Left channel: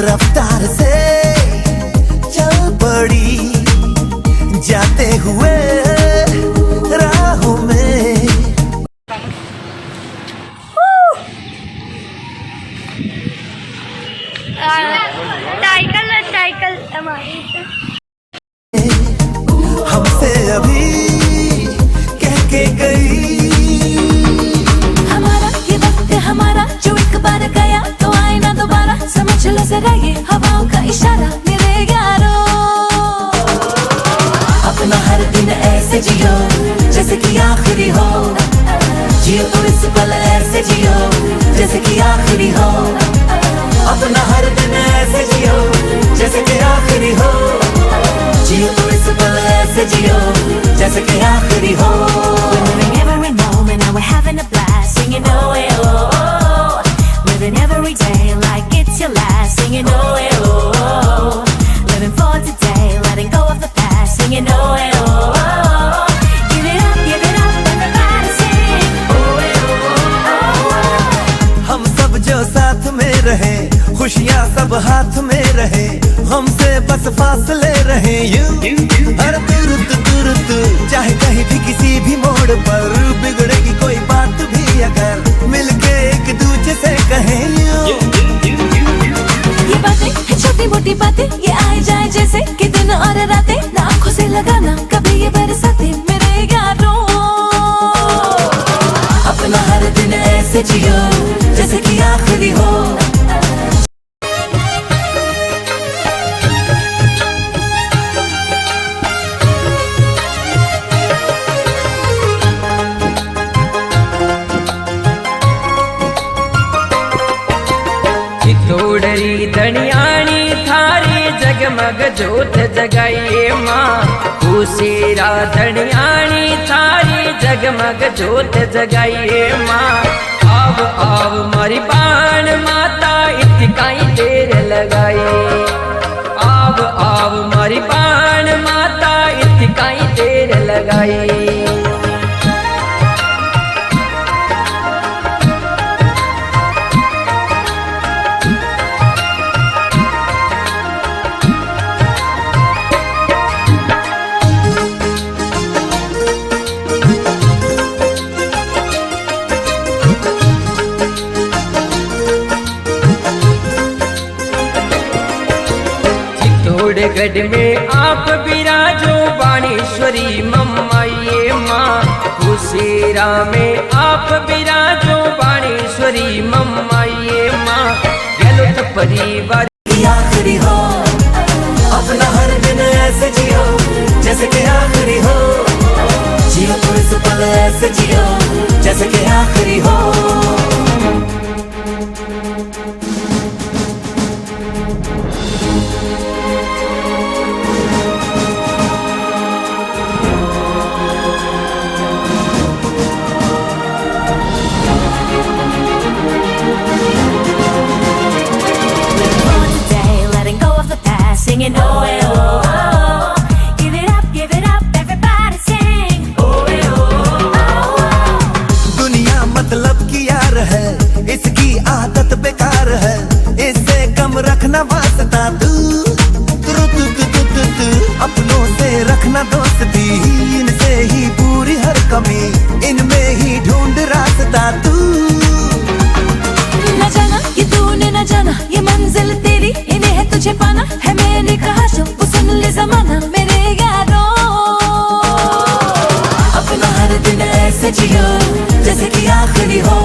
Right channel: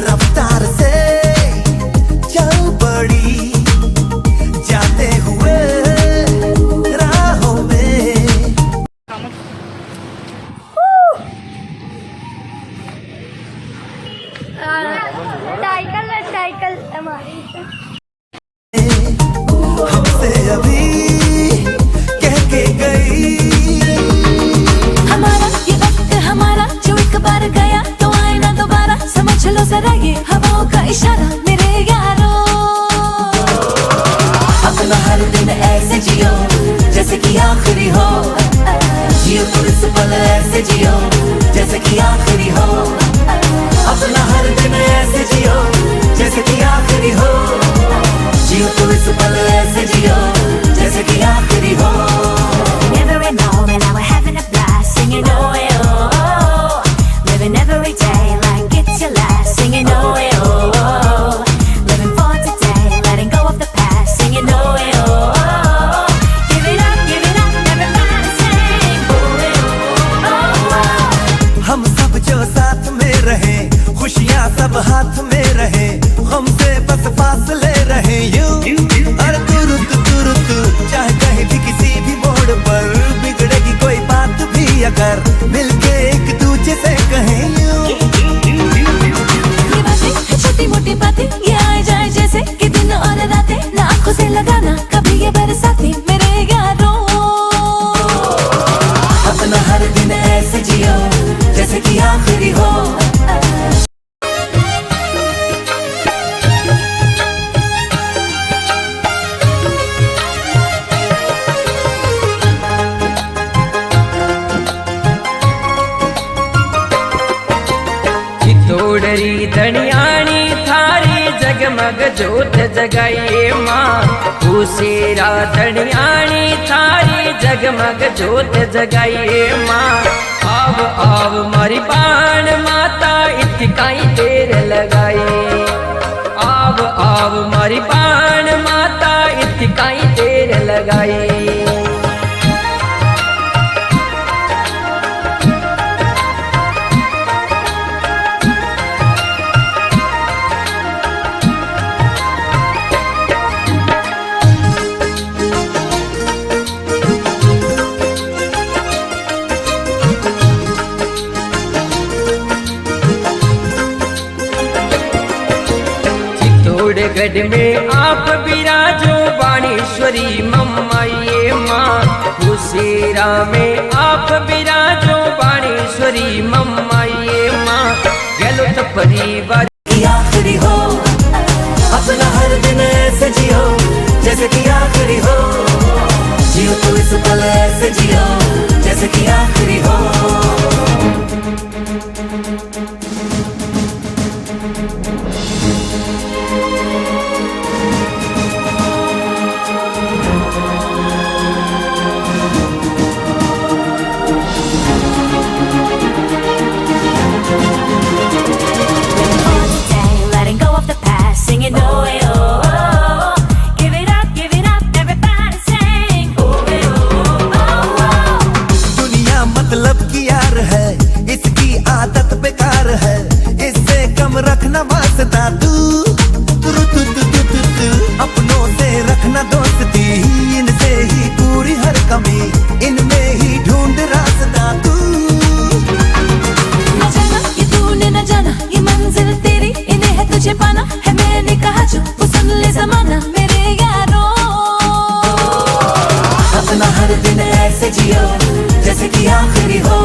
रफ्तार से चल पड़ी जाते हुए राहों में। साइकिल हमारी हमसे अभी कह के गई हमारा ये वक्त हमारा जो एक बार गया तो आए ना दोबारा, समझ लो जरा ये हवाओं का इशारा मेरे यारों। अपना हर दिन ऐसे जियो जैसे कि आखिरी हो, जियो तो इस पल ऐसे जियो जैसे कि आखिरी हो। अपना हर दिन ऐसे जियो जैसे कि आखिरी हो, जियो तो इस पल ऐसे जियो जैसे कि आखिरी हो। हम सब जो साथ में रहे, खुशियाँ सब हाथ में रहे, हमसे बस फासले रहे यूं। हर तुरंत चाहे कहीं भी किसी भी मोड़ पर बिगड़ेगी कोई बात भी अगर मिलके एक दूसरे से कहें यूं। ये बातें छोटी मोटी बातें ये आए जाए जैसे कि दिन और रातें, ना आँखों से लगाना कभी ये बरसाते मेरे यारों। अपना हर दिन ऐसे जियो जैसे कि आखिरी हो। चितोड़री धनियाणी थारी जगमग जोत जगाइए माँ, खुशेरा धनियाणी थारी जगमग जोत जगाइए माँ। आव आव मारी बाण माता इतकाई देर लगाई, आव आव मारी बाण माता इतकाई देर लगाई। चित्तौड़गढ़ में आप विराजो बाणेश्वरी मम्माइये माँ, खुशेरा में आप विराजो बाणेश्वरी मम्माइये माँ। गलोत परिवार की आखिरी हो, अपना हर दिन ऐसे जियो जैसे कि आखिरी हो, जियो तो इस पल ऐसे जियो जैसे कि आखिरी हो। अपनों से रखना दोस्ती, इनसे ही पूरी हर कमी, इनमें ही ढूंढ रास्ता तू। न जाना ये तूने न जाना ये मंजिल तेरी, इन्हें है तुझे पाना है मैंने कहा जो वो सुन ले ज़माना मेरे यारों। अपना हर दिन ऐसे जियो जैसे कि आखिरी हो।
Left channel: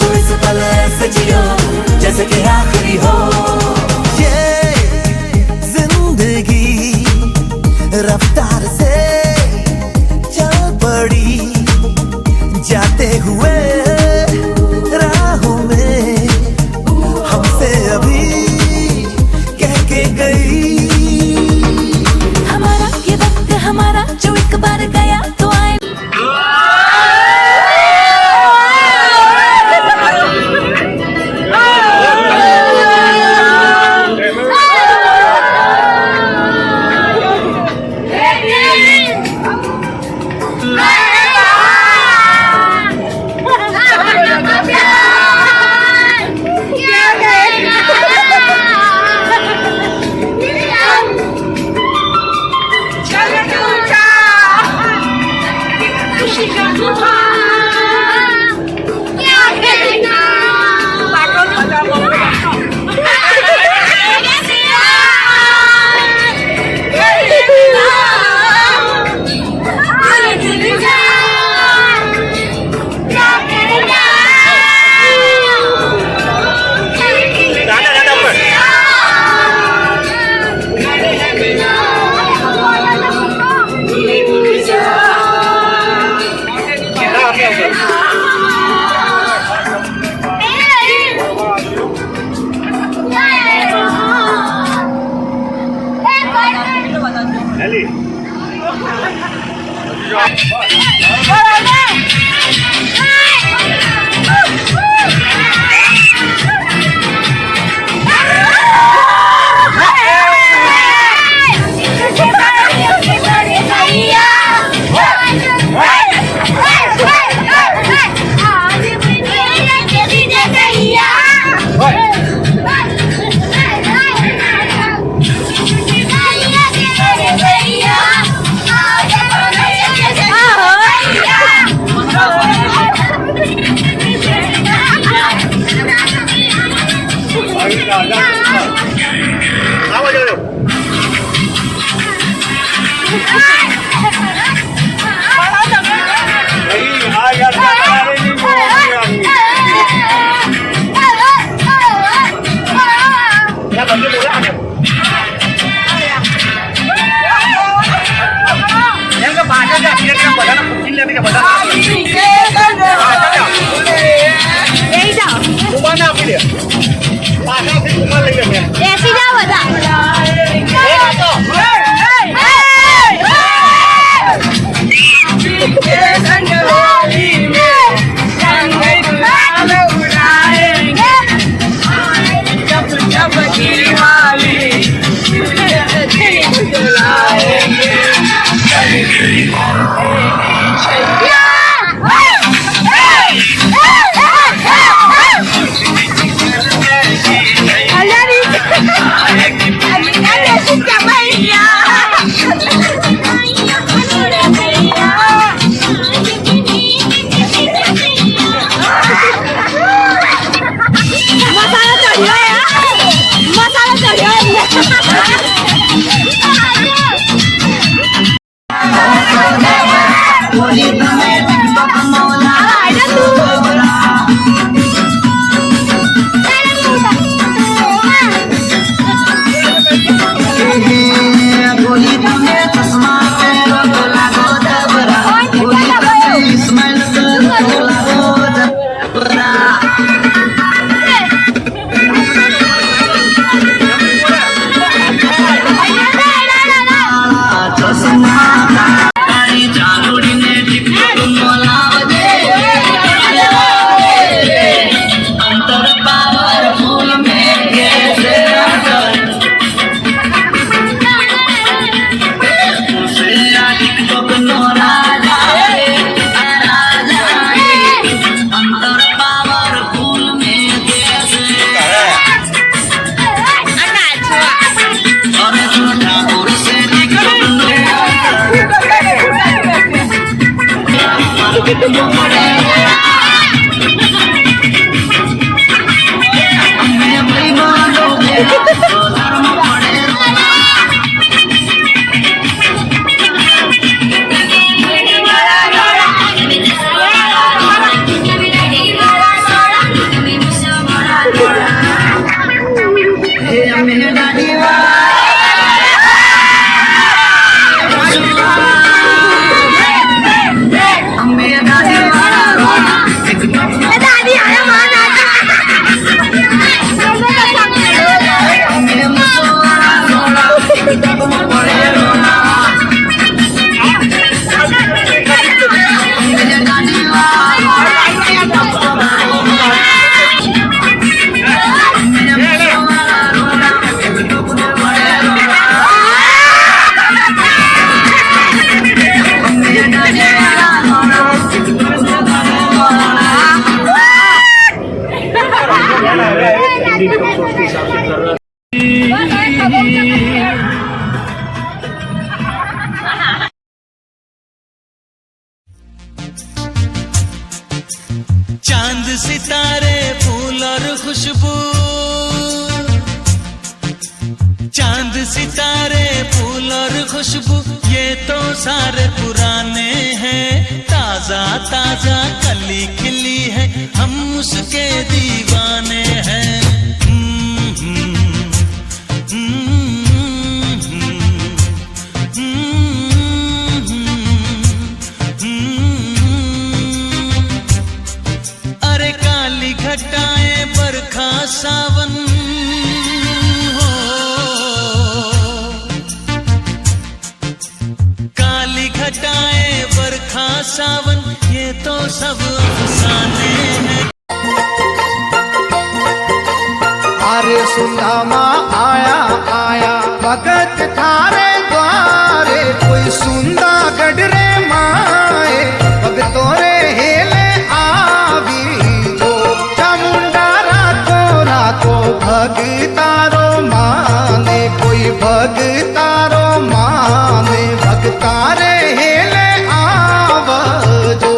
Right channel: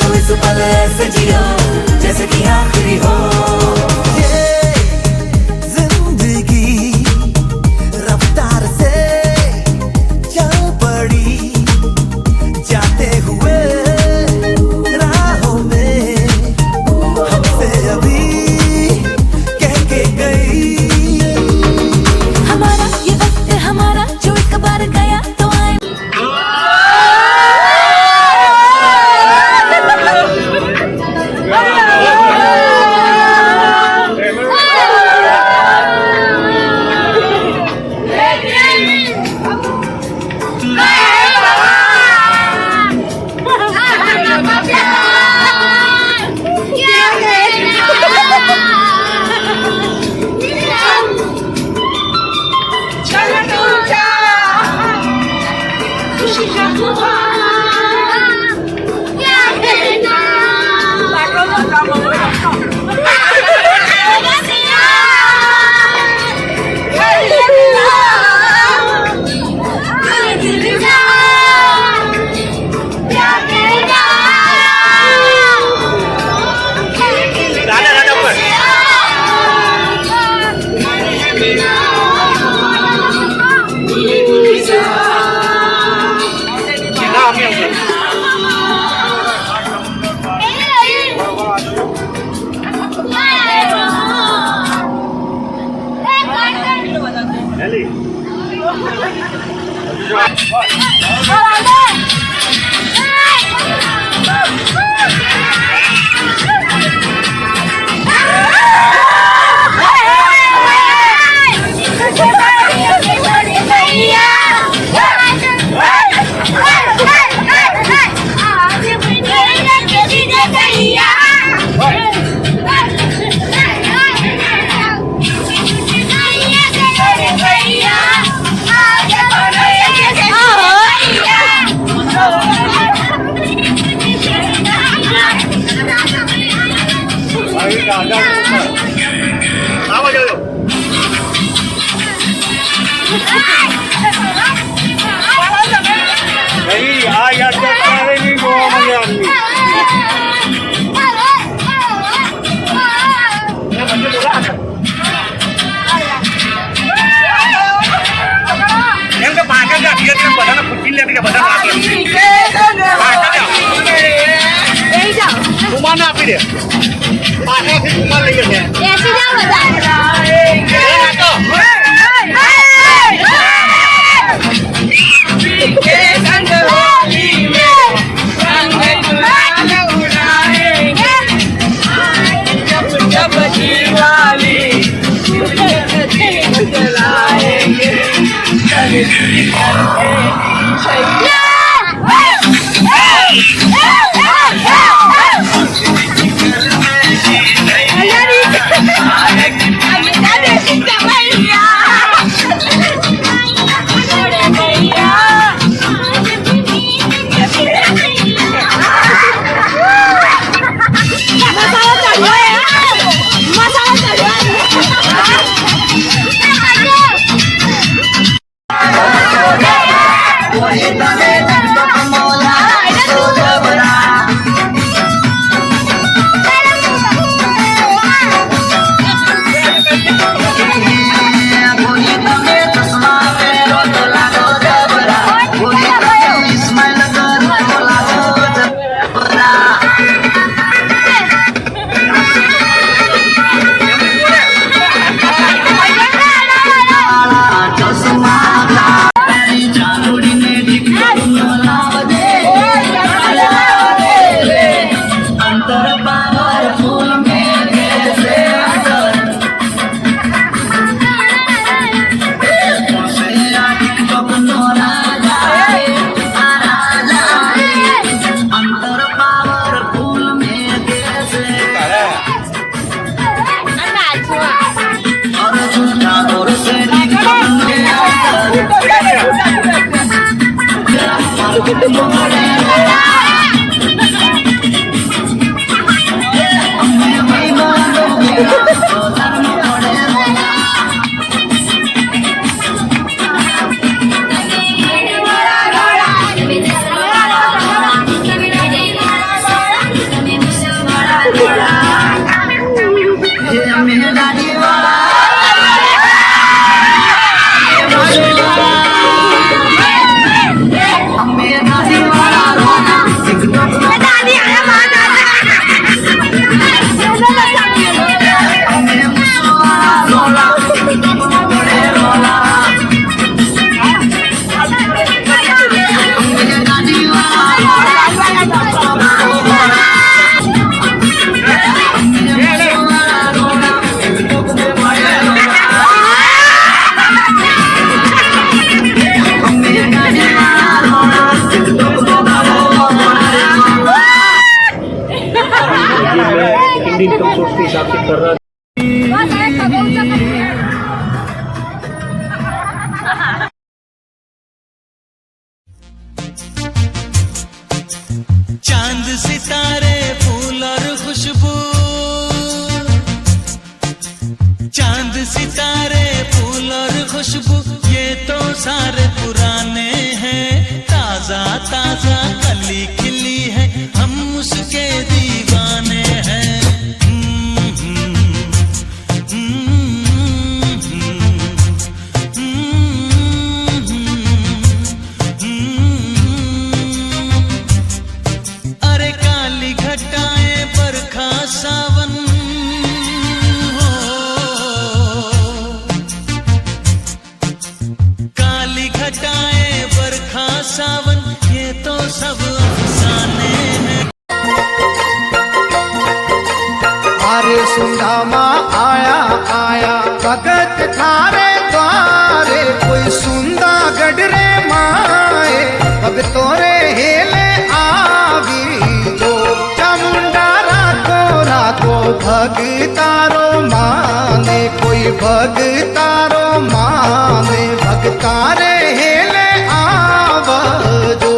तो इस पल ऐसे जियो जैसे कि आखिरी हो। ये जिंदगी रफ्तार से चल पड़ी, जाते हुए राहों में हमसे अभी कह के गई। हमारा ये वक्त हमारा जो एक बार गया तो आए। सितारे फूल और खुशबू, चांद सितारे फूल और खुशबू ये तो सारे पुराने हैं। ताजा ताजा कली खिली है, हम उसके दीवाने हैं। अरे काली घटाएं बरखा सावन हो, काली घटाएं बरखा सावन ये तो सब अफसाने हैं। अरे सुदामा आया आया भगत थारे द्वारे, कोई सुंदा गडरे माए भगतों रे हेले आवी जो। चामुंडा रातो रातो भगतारो माने, कोई भगतारो माने भगतारे हेले आवजो।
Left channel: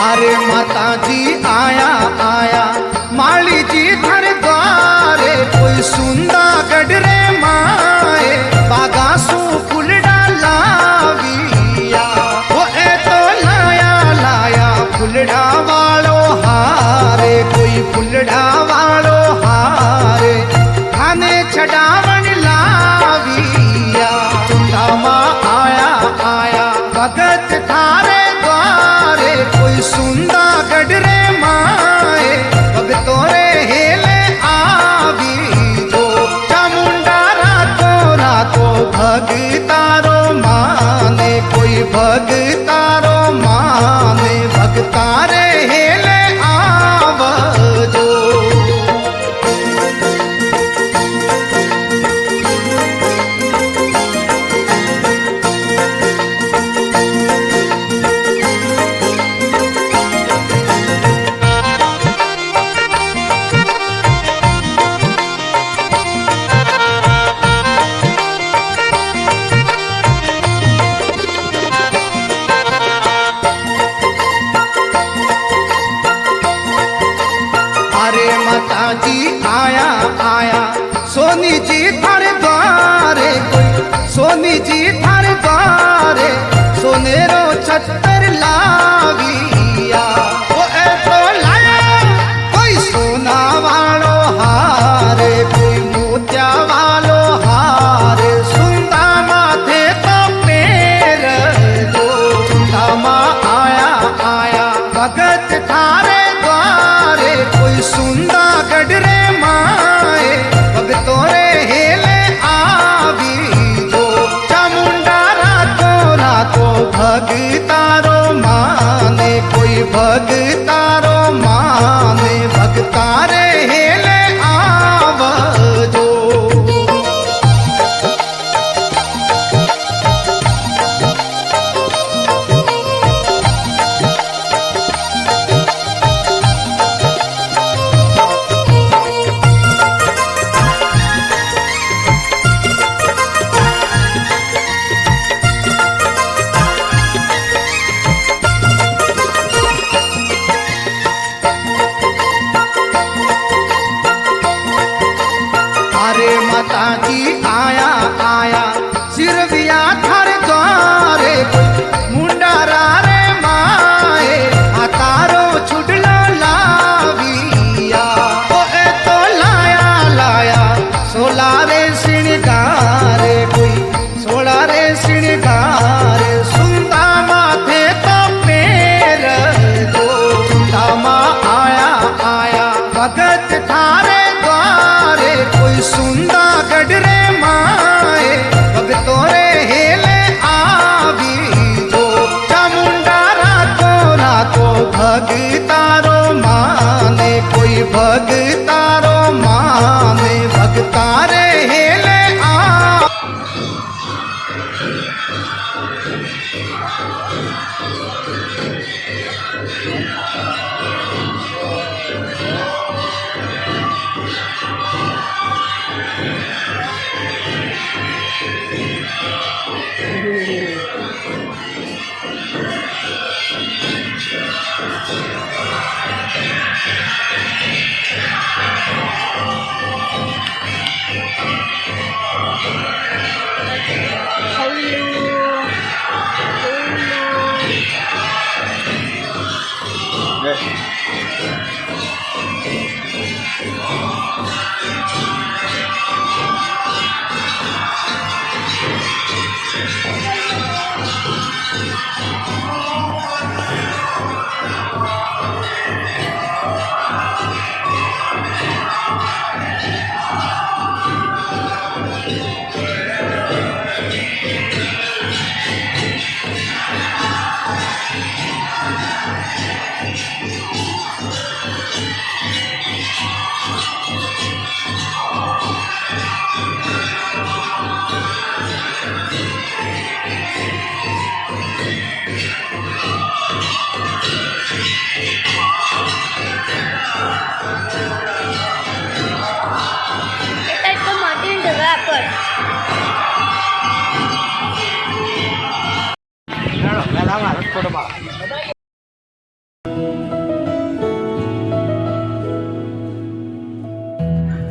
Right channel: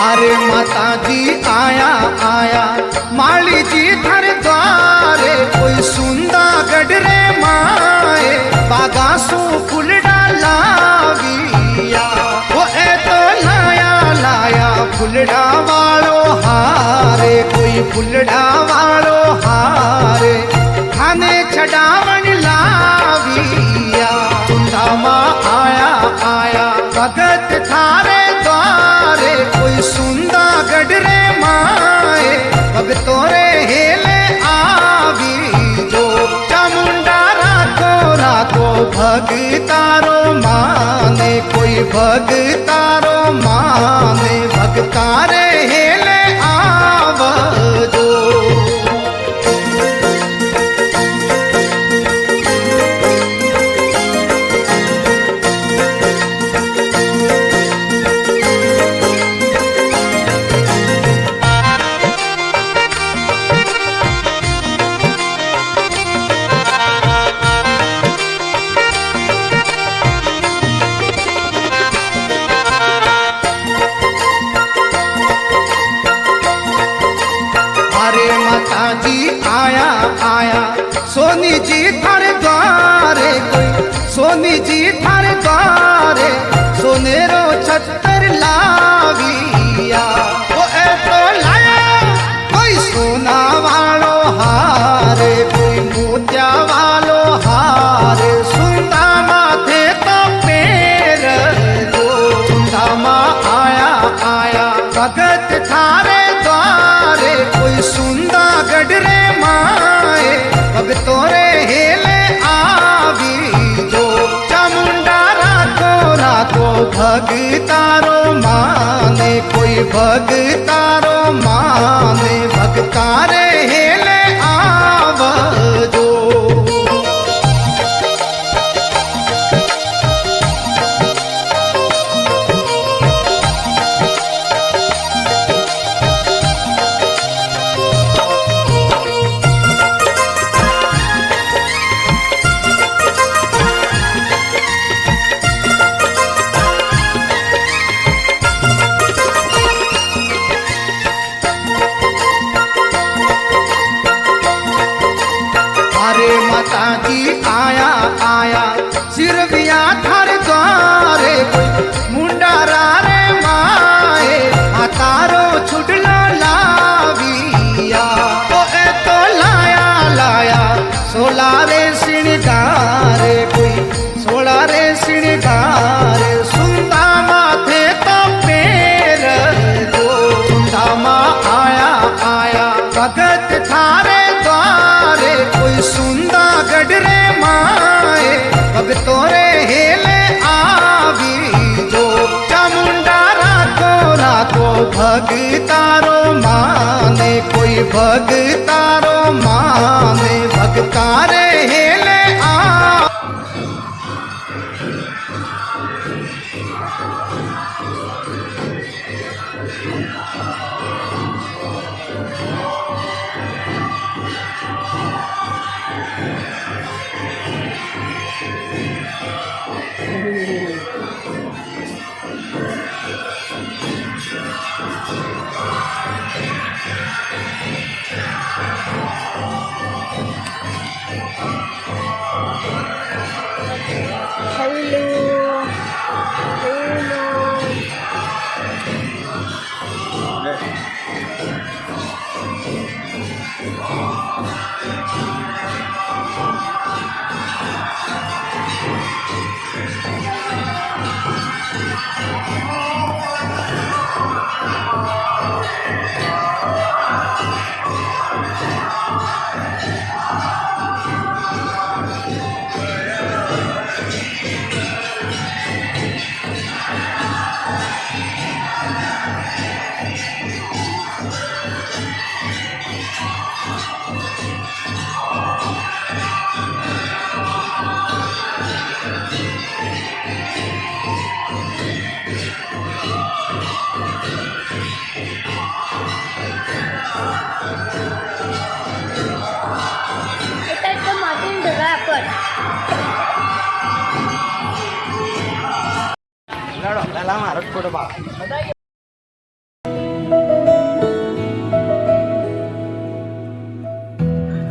अरे माता जी आया आया माली जी थर द्वारे, कोई सुंदा गडरे माए बागासू फुलडा लाविया। वो ए तो लाया लाया फुलडा वालो हारे, कोई फुलडा वालो हारे खाने छडावन लाविया। सुदामा आया आया भगत थारे द्वारे, कोई सुंदा गडरे माए भगतों रे हेले आवी जो। चामुंडा रातो रातो भगतारो माने, कोई भगतारो माने भगतारे हेले आवजो। अरे माता जी आया आया सोनी जी थारे द्वारे, कोई सोनी जी थारे द्वारे सोनेरो छत्तर लाविया। वो ए तो लाया कोई सोना वालो हारे, कोई मोतिया वालो हारे सुंदा माथे तो पेर जो। सुदामा आया आया भगत थारे द्वारे, कोई सुंदा गडरे माए भगतों रे हेले आवी जो। चामुंडा रातो रातो भगतारो माने, कोई भगतारो माने भगतारे हेले आवजो। अरे माता जी आया आया सिरविया थारे द्वारे, कोई मुंडा रे माए हाथारो छुडलो लाविया। ओ ए तो लाया लाया सोलारे सिणगारे, कोई सोलारे सिणगारे सुंदा माथे तो पेर जो। सुदामा आया आया भगत थारे द्वारे, कोई सुंदा गडरे माए भगतों रे हेले आवी जो। चामुंडा रातो को भगतारो माने, कोई भगतारो माने, भगतारे हेले आ।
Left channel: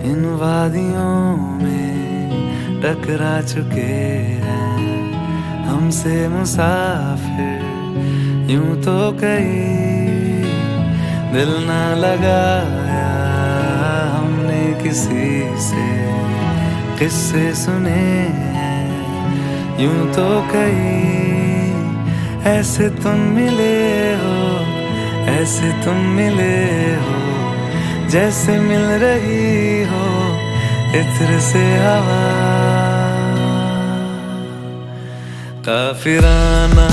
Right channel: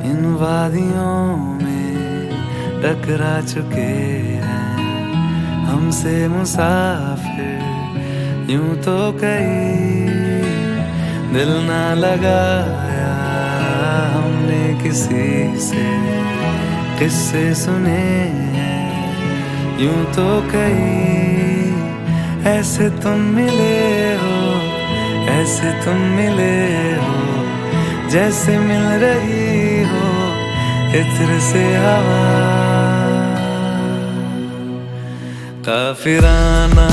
इन वादियों में टकरा चुके हैं हमसे मुसाफिर, यूं तो कहीं दिल ना लगाया हमने किसी से, किस्से सुने हैं यूं तो कहीं। ऐसे तुम मिले हो, ऐसे तुम मिले हो, जैसे मिल रही हो इत्र से हवा। काफिराना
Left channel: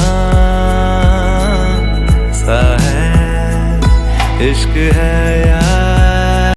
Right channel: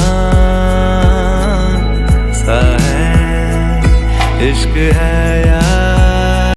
सा है इश्क है या